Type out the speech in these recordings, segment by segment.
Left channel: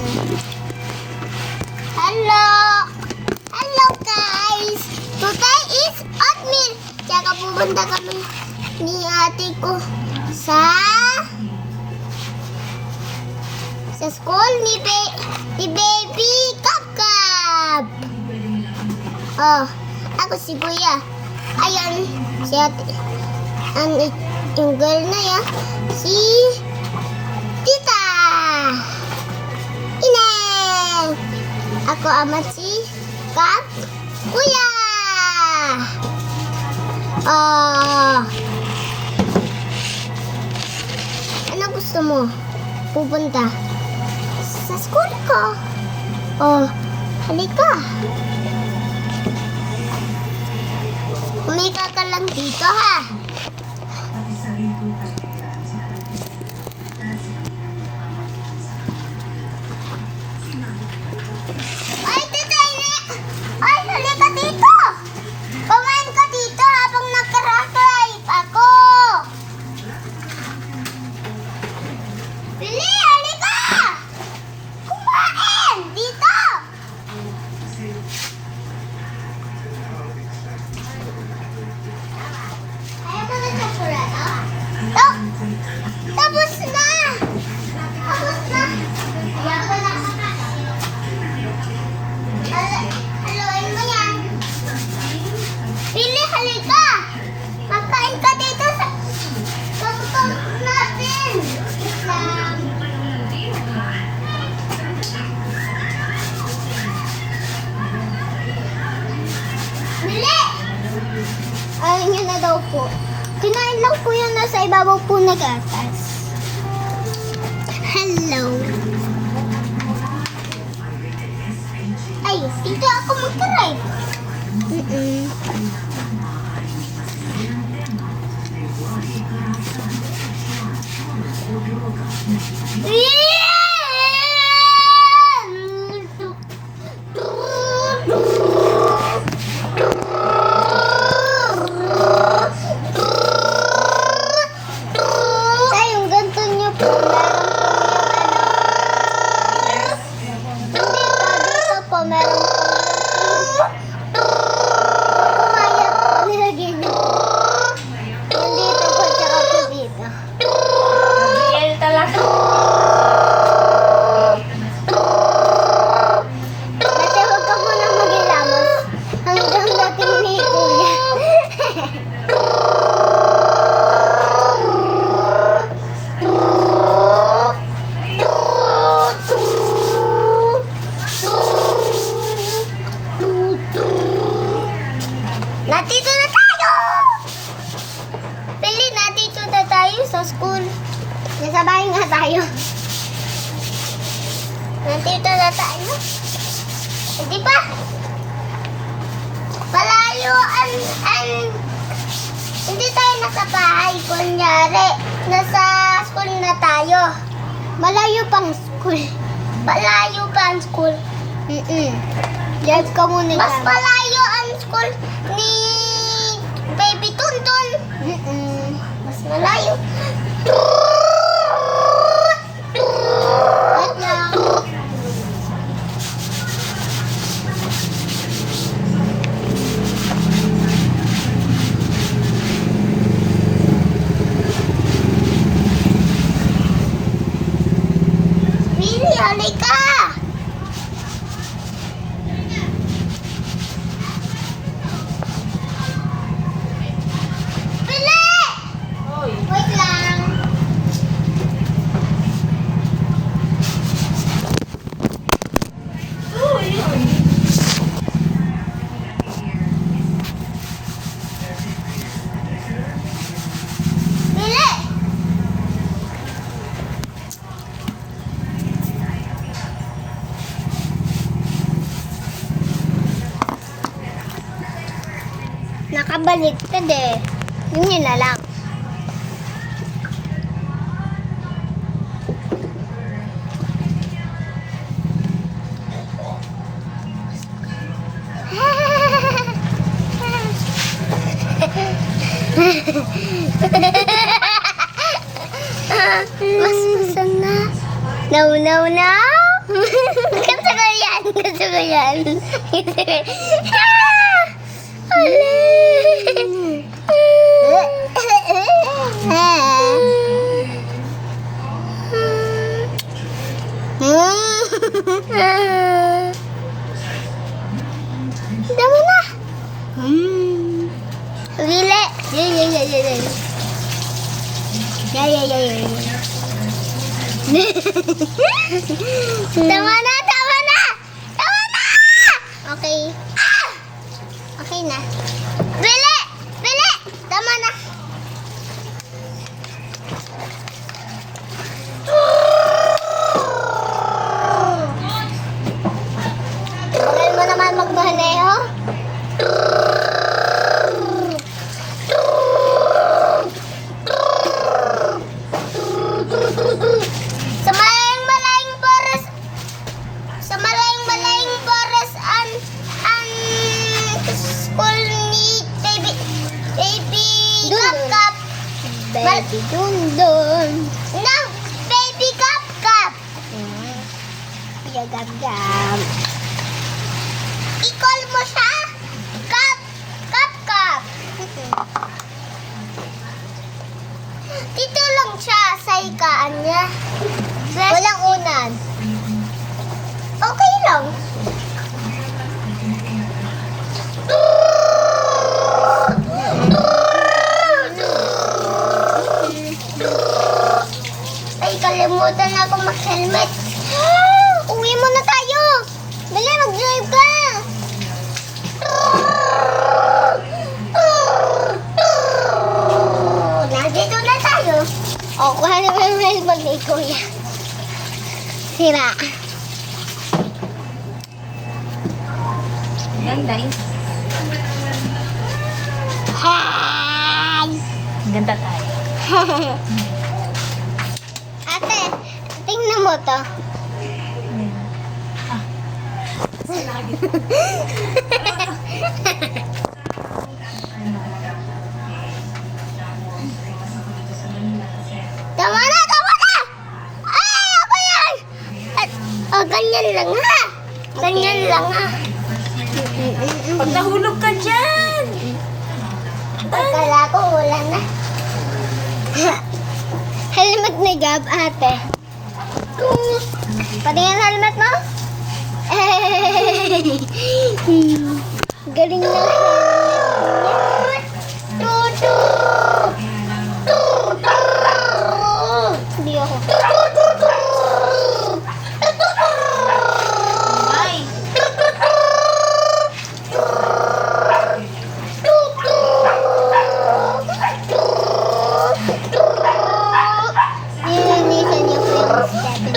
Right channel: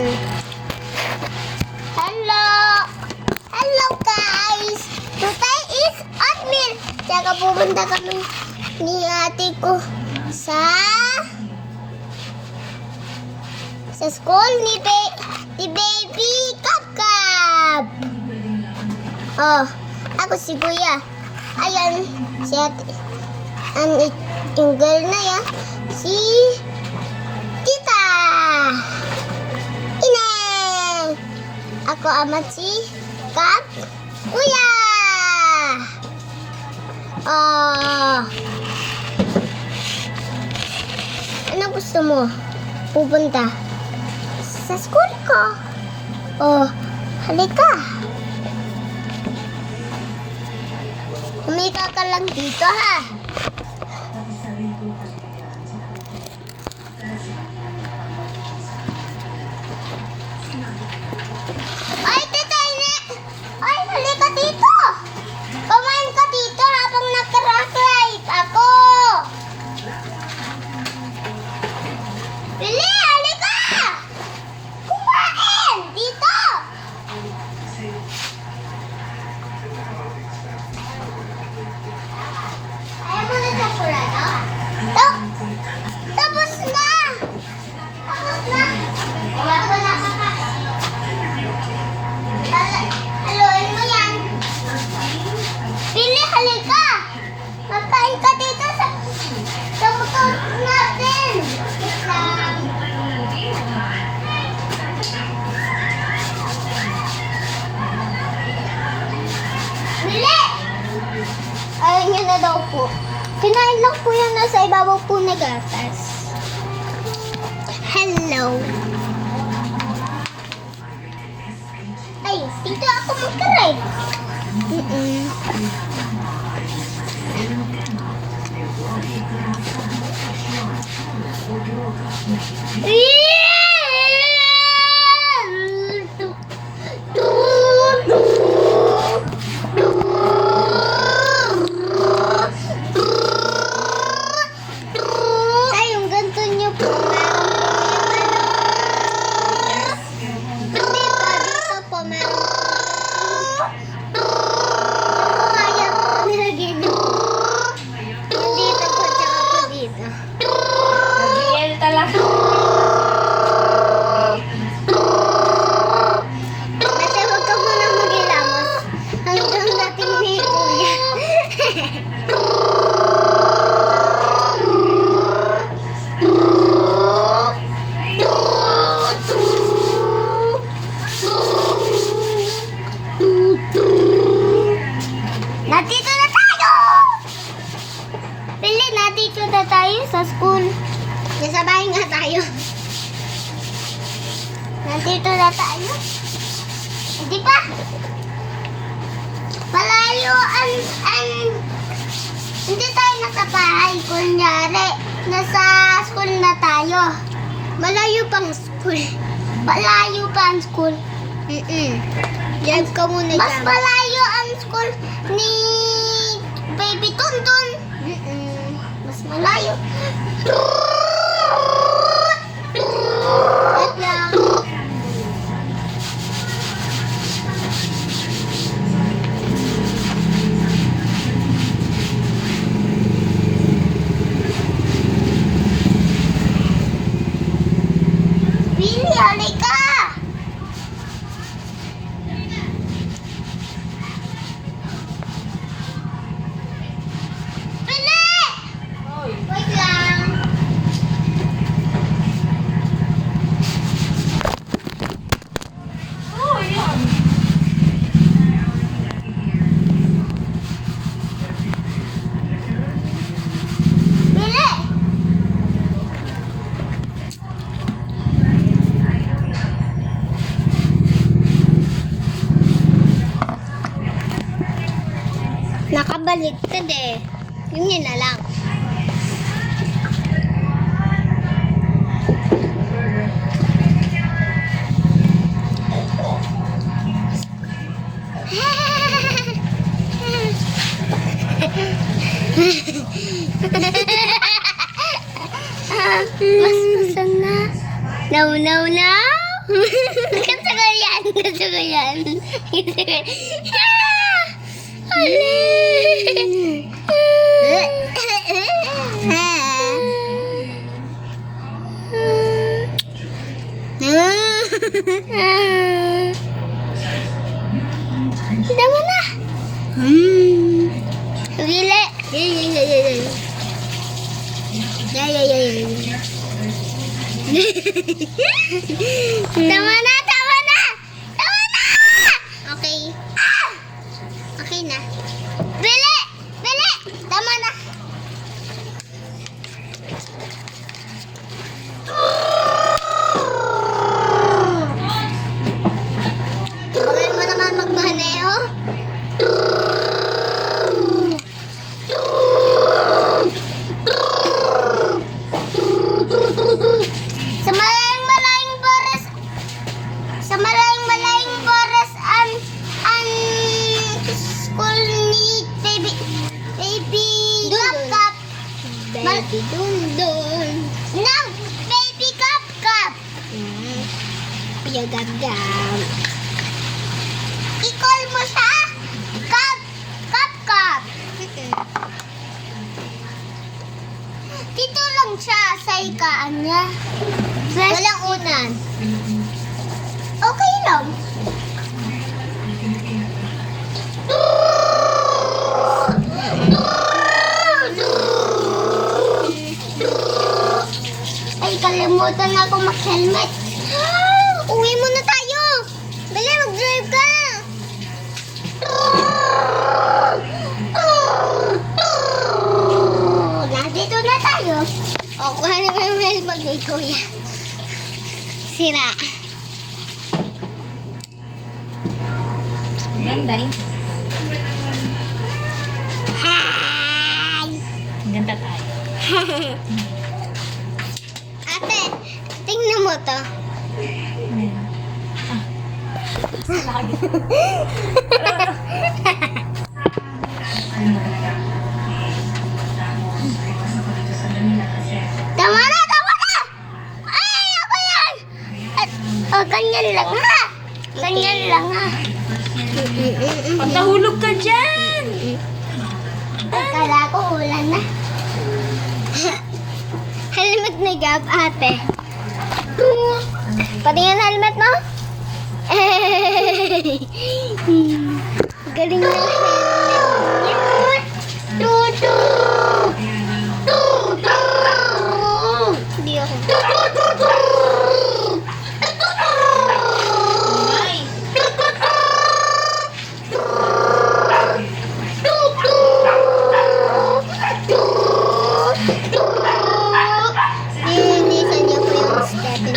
Hello! Hello guys! Today is oatmeal. Tsaka pupunta kami ni ate ko sa school ni Baby Kapkap. Oh, ako si Kuya. Ayan, si ate. Yung girl na yan, si Tita Ineng. Ako amat si Kap Kuya. Oh, ano gusto mo? Pupunta sa school ko. Oh, halika. Humika ka lang dito, ha? Ay, Tita Ine! Ay, halika dito! Kumain ka dito habang nag-crack ako. Pili, halika! Kumain! Dito! Ayaw mo na chocolate, oh? Tapos na! Tapos na! Ayaw ko na kakain. Haluin mo yan. Pili, halika! Magkain ka dito sa motor natin. Pili! Ayaw niyo na daw po. Kinain lang po yung nasa ibabaw po na gatas. Hello. Ay, dito ako magkaray. Yung ganito nyo po, meron po yung ano. Hindi po, dito po, meron po yung kumaya po, nilagyan nyo po. Yung dito po, tsaka po dito. Gabriel talaga. Basta huwag ka muna mag-ilamos hanggang dating ni Kuya. Nandito na tayo! Pili, nandito na tayo sa school. Nasa bahay nga tayo. Nandito na tayo. Hindi pa? Malayo hindi tayo nakabahay. Kunyari, nasa school na tayo. Malayo pang school. Malayo pa ang school. Yan ka muna. Mas malayo ang school ni Baby Tuntun. Mas malayo. Wait lang. Billy, halika! Billy! Hoy. Wait lang. Oh, yan. Billy! Nakabaliktad eh. Yun na lang. Mas masang na. No, no, no. Gusto ko yan. Gusto ko yan. Dama na. Gile. Tama na, tama na! Tama na! Okay. Okay na. Bili! Bili! Tama na. Bagay mo naman magmaneho. Sa malayang forest, sa malayang forest ang school ni baby Kap. Baby Dundun. No, baby Kap. Piyagam-gam. I-call mo siya. Kap. Dito lang siya sa ikaan niya. Walang unan. Okay lang. Ay, kalimutan ako mag-helmet. Uwi muna tayo. Bili, mag-drive ka. Nandito na tayo. O, kuha na ba yung helmet ni Kuya? Sira. Ganda eh. Hi! Ganda tayo. Ate, tingnan mo to. Tama na, tama na! Ay, ako yan! Oh, ganyan lang ha. Ganyan lang ha. Pag nahulog ka dyan! Akala ko ulan na. Helmet ni Gab, ate. Patingin helmet mo? Galing na helmet. Tutu! Hindi ako. Ay! Nilinisan niya po yung stepin.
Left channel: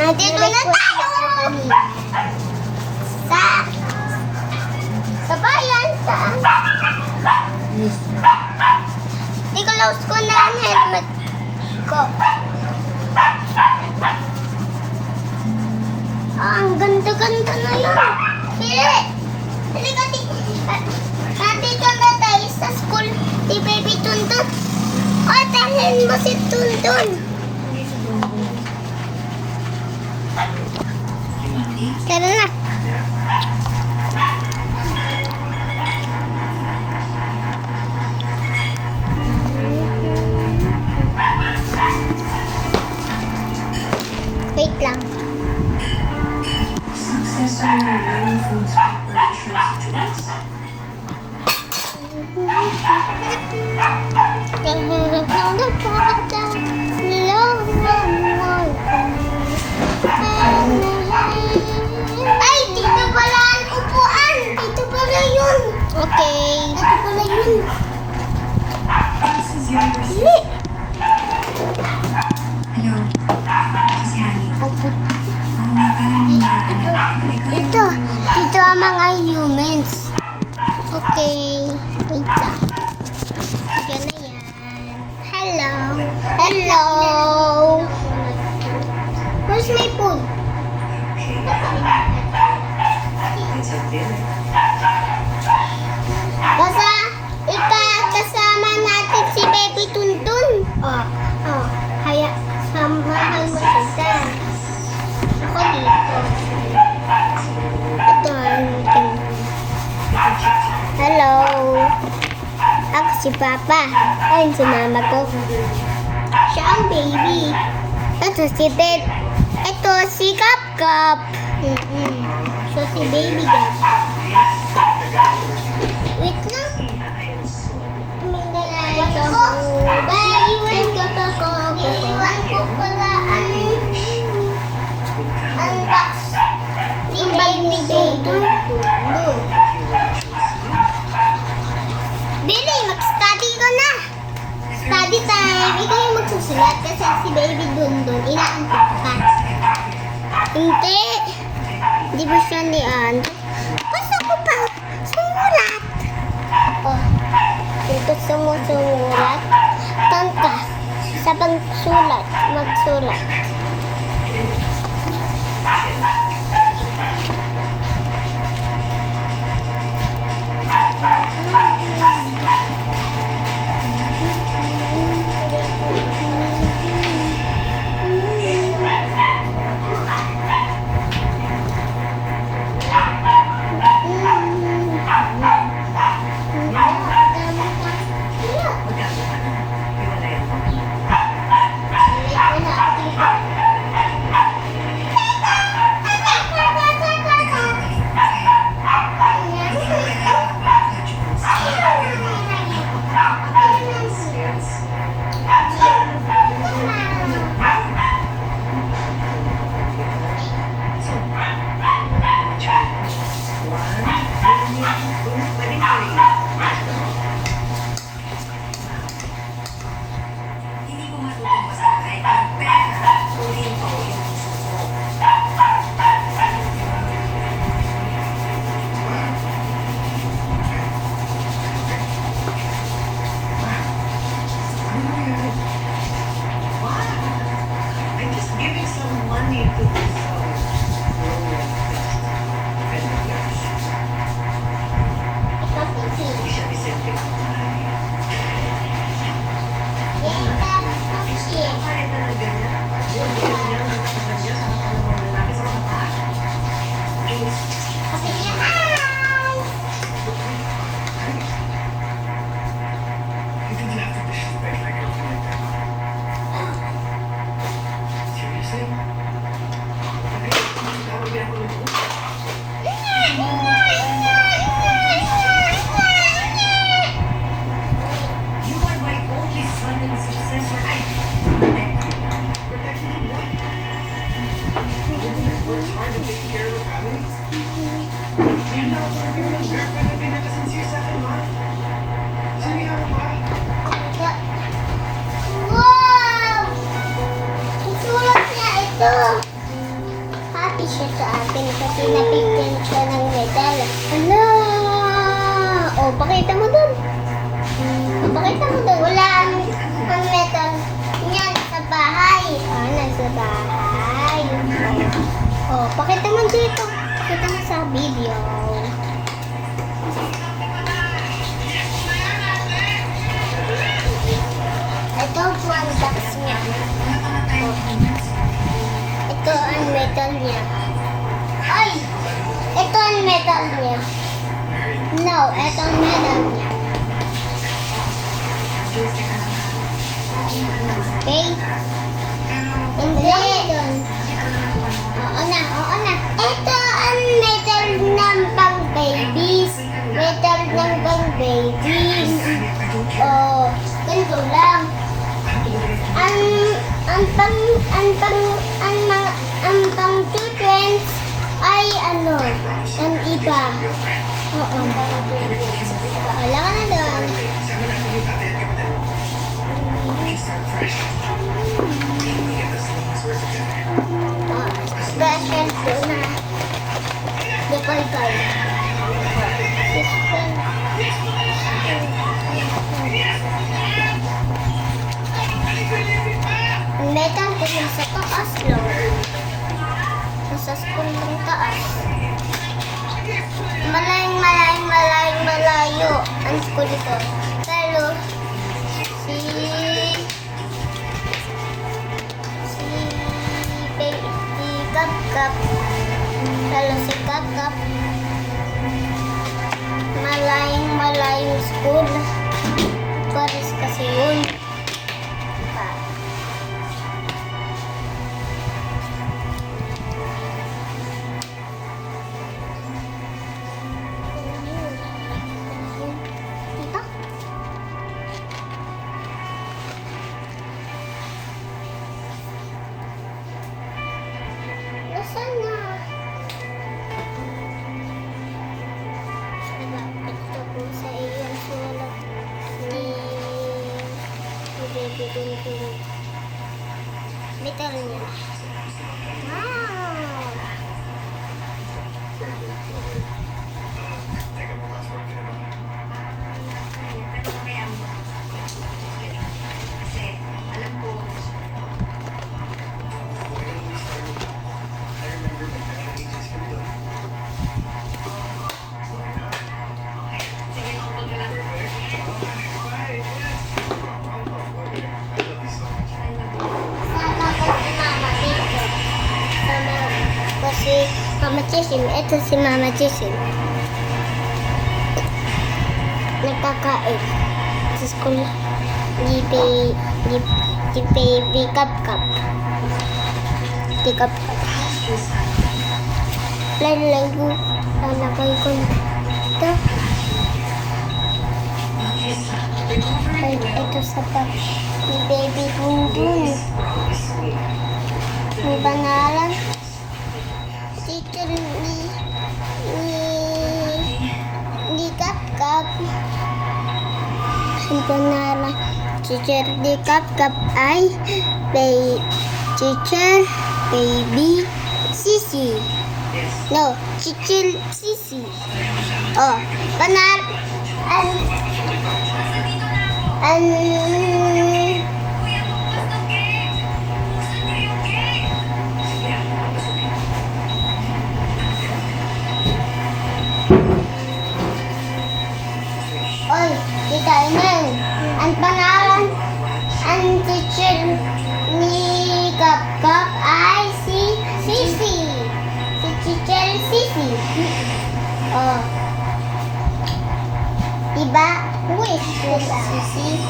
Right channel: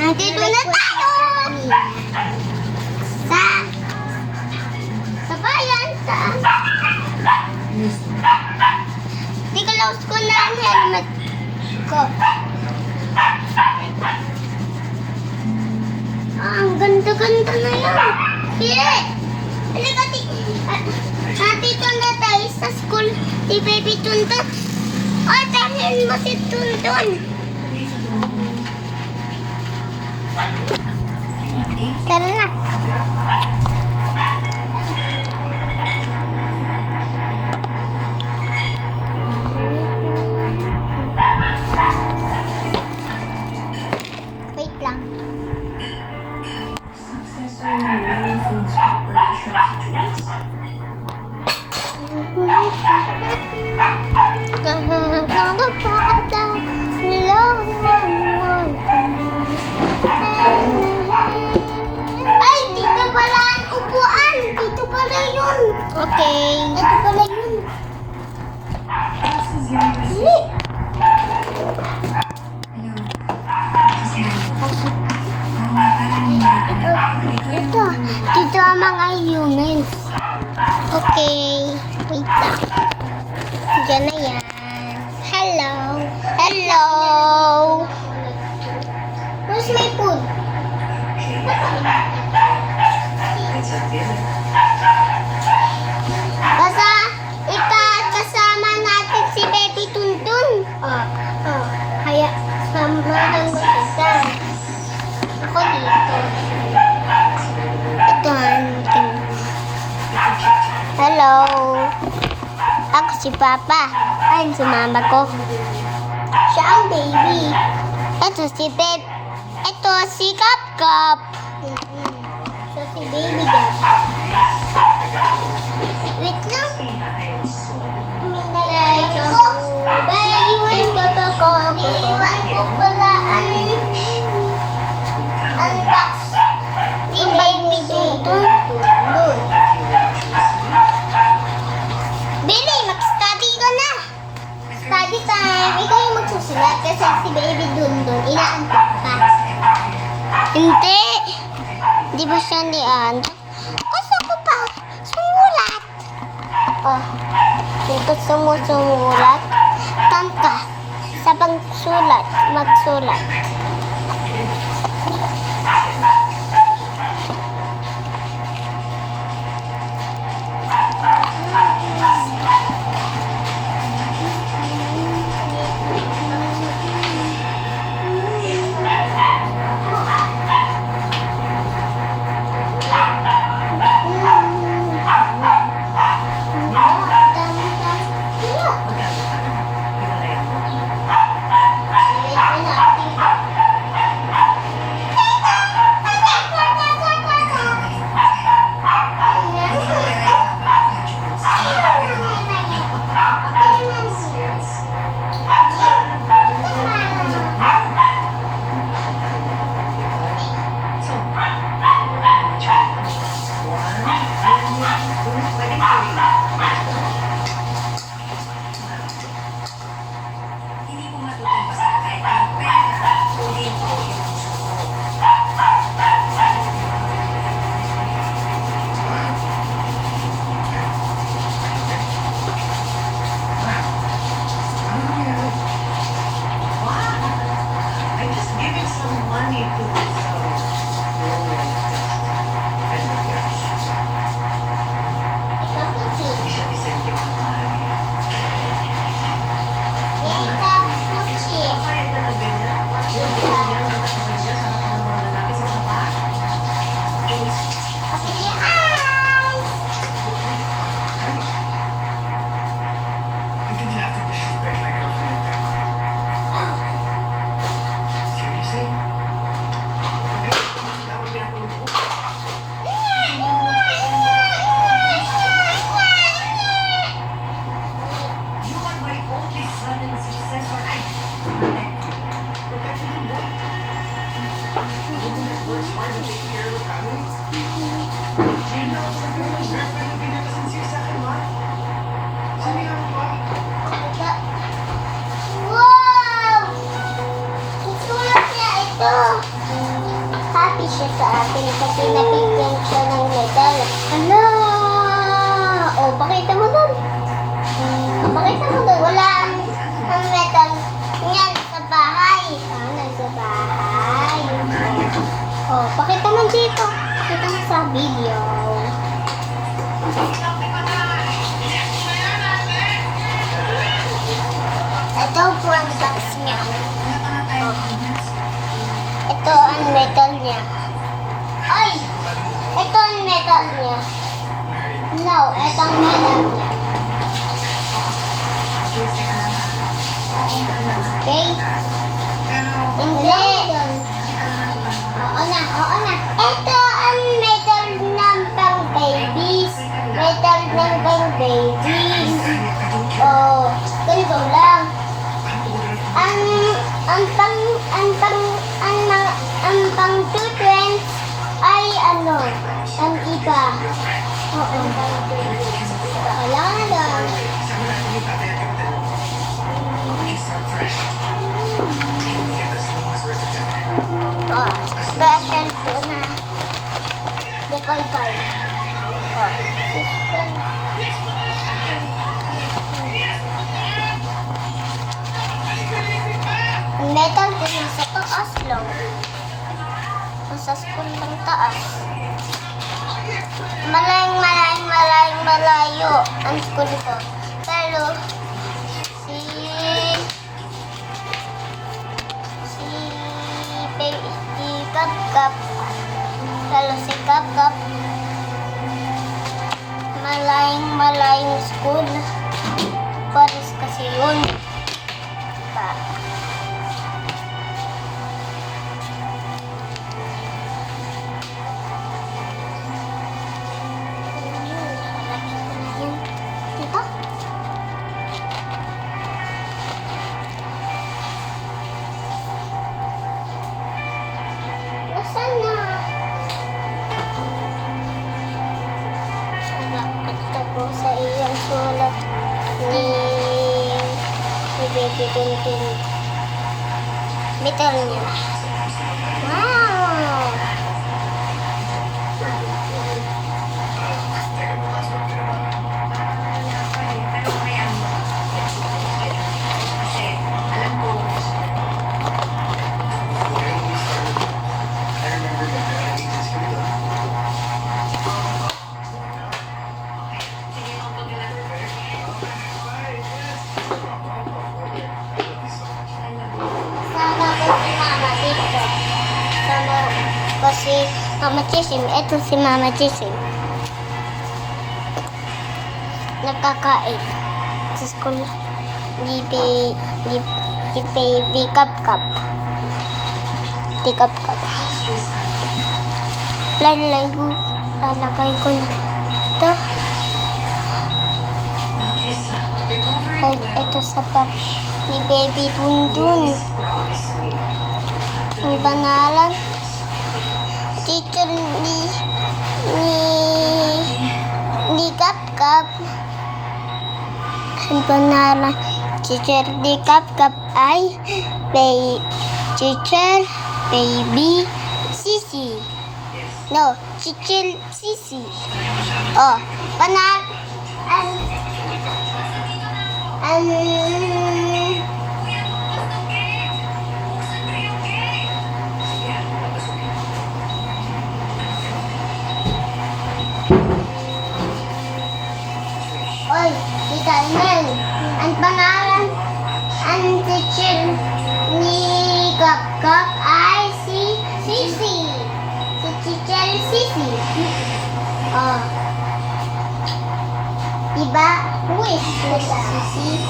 Nandito na tayo! Sa bayan, Di ko lost ko na ang helmet ko. Ang ganda-ganda na yan. Pili! Halika, nandito na tayo sa school ni Baby Tuntun. O, tahin mo si Tuntun. Tara na. Wait lang. Ay, dito pala ang upuan. Dito pala yun. Okay. Dito pala yun. Dili. Dito ang mga humans. Okay. Wait lang. Diyan na yan. Hello. Hello. Where's my phone? Ako si Papa. Ayun si Mama ko. Siya ang baby. Ito si Beb. Ito si Kap Kap. So si Baby Kap. Wait lang. Iwan ko pala ang box ni Baby dito. Billy, mag-study ko na. Study time. Ikaw yung magsusulat kasi si Baby dun. Inaantok ka. Hindi. Di ba siya niantok? Gusto ko pa sumulat. Oh. Kung gusto mo sumulat, tanta. Sa pagsulat, magsulat. I'm just giving some money to this Hindi siya disente ko. Kaya na na ganyan. Yung ganyan na ganyan sa mga lalaki sa mga pa. You think you have to disrespect my girlfriend like that? Seriously? Okay, that would be a little You are my only son and successor. But actually, what? It's hard to take care of the family. You know, you're my girlfriend na pinakasincere sa akin, ma. Sinihan mo ba? Wow! Isulat niya ito. Happy siya sa atin kasi nabigyan siya ng medal. Hala! Oh, pakita mo dun. Pakita mo dun. Wala ang medal niya sa bahay. Nasa bahay. Oh, pakita mo dito. Pakita mo sa video. Ito po ang box niya. Ito ang medal niya. Ay! Ito ang medal niya. No, ito ang medal niya. Okay? Hindi. Oo na, oo na. Ito ang medal ng pang babies. Medal ng pang babies. Oh, ganito lang. Ang pang children's ay ano, ang iba. Oo. Wala na lang. Sama natin yung tatay at kapatid. You start fresh. You will get this little birth certificate. Oh, special to na. Depal kayo. Oh, ang metal ko nasa taas lang. Nasa school ng taas. Malayo ang school ko. Pero si Kap Kap, pero si Kap Kap malayong school. Pares kasi yun. Diba? Diba? Nasaan na? Ito po sa iyong sulat ni Baby Tintin. Bitter niya. Wow! Sama ko si Mama dito. Sama ko si Mama Chisim. Ito si Mama Chisim. Nagkakain sa school ni Baby Cup Cup. Di Cup Cup. Lalagay ko na ito. Ay, ito sa bag ni Baby Bundun. Ang banalan. Teacher ni Cup Cup. Ang banalan. Teacher ni Cup Cup ay Teacher Baby Sisi. No, Teacher Sisi. Oh, banal. Oy, kita Neng. Ang pangalan, ang teacher ni Kap Kap ay si Sisi. Si teacher Sisi. Oh. Diba? Who is Sisi?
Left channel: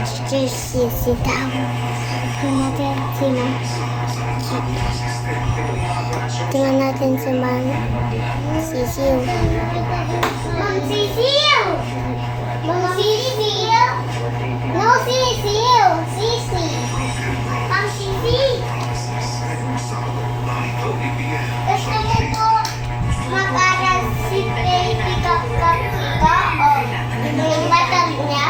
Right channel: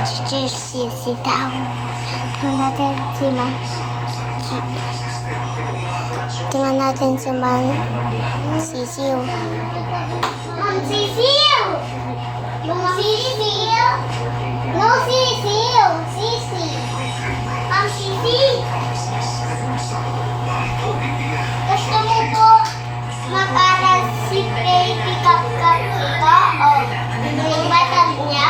Teacher Sisi daw. Tingnan natin si Ma'am Sisiu. Ma'am Sisiu! Ma'am Sisiu! No, Sisiu! Sisi! Ma'am Sisi! Gusto mo po mag-aral si Baby Cup Cup dito? O yung batag niya?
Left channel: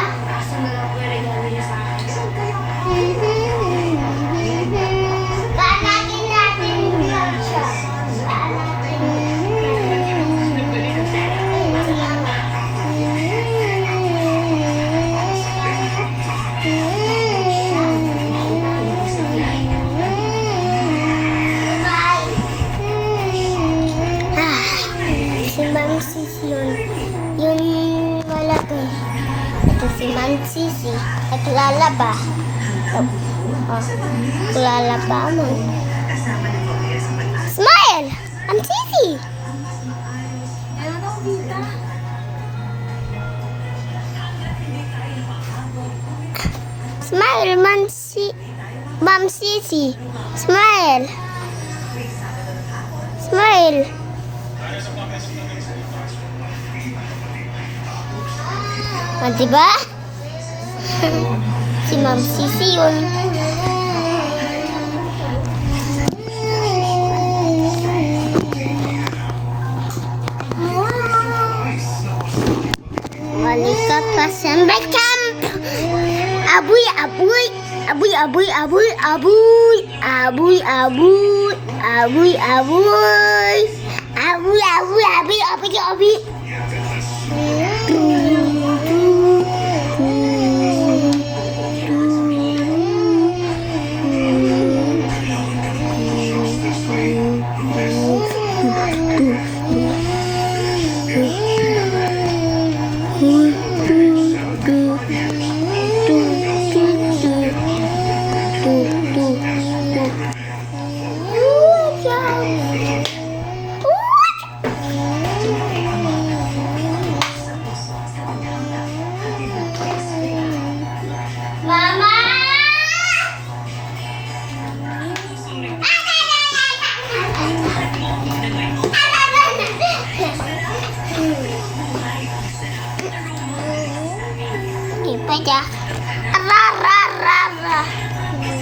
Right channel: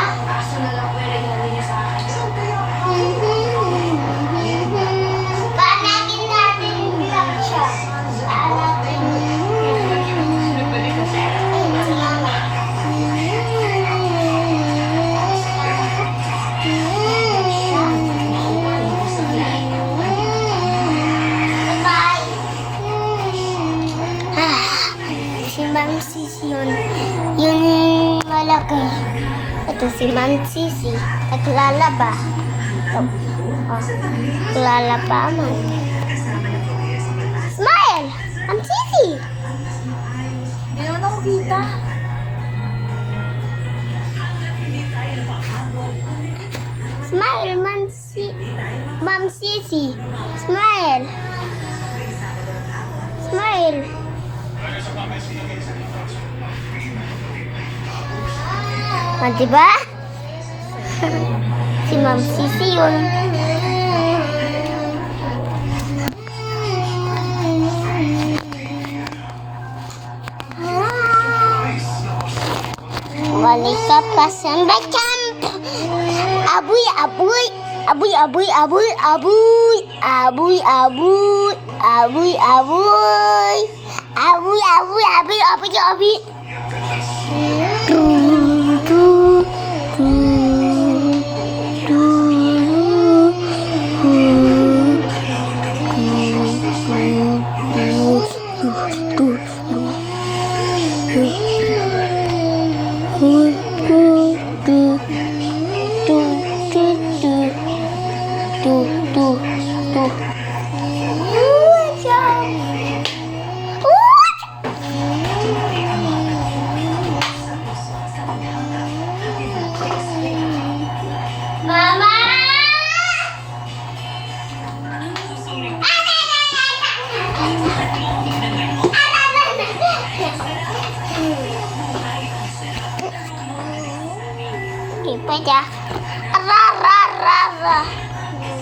Paanakin natin lang siya. Paanakin. Ayun si Mama. Bye. Si Ma'am Sisi yun. Yun malaki. Ito si Ma'am Sisi. At lalaba. Oh. Lalaba mo. Smile! I'm Sisi! Meron ako kita. Smile, Ma'am Sisi. Smile! Smile! Diba? Si Ma'am Sisi yun. Malika pa sa camp. Abuy, abuy. Abuy, abuy, abuy, abuy. Abuy, abuy. Abuy, abuy. Abuy, abuy, abuy, abuy, abuy. Okay, pwede ah. Ra, ra, ra, ra.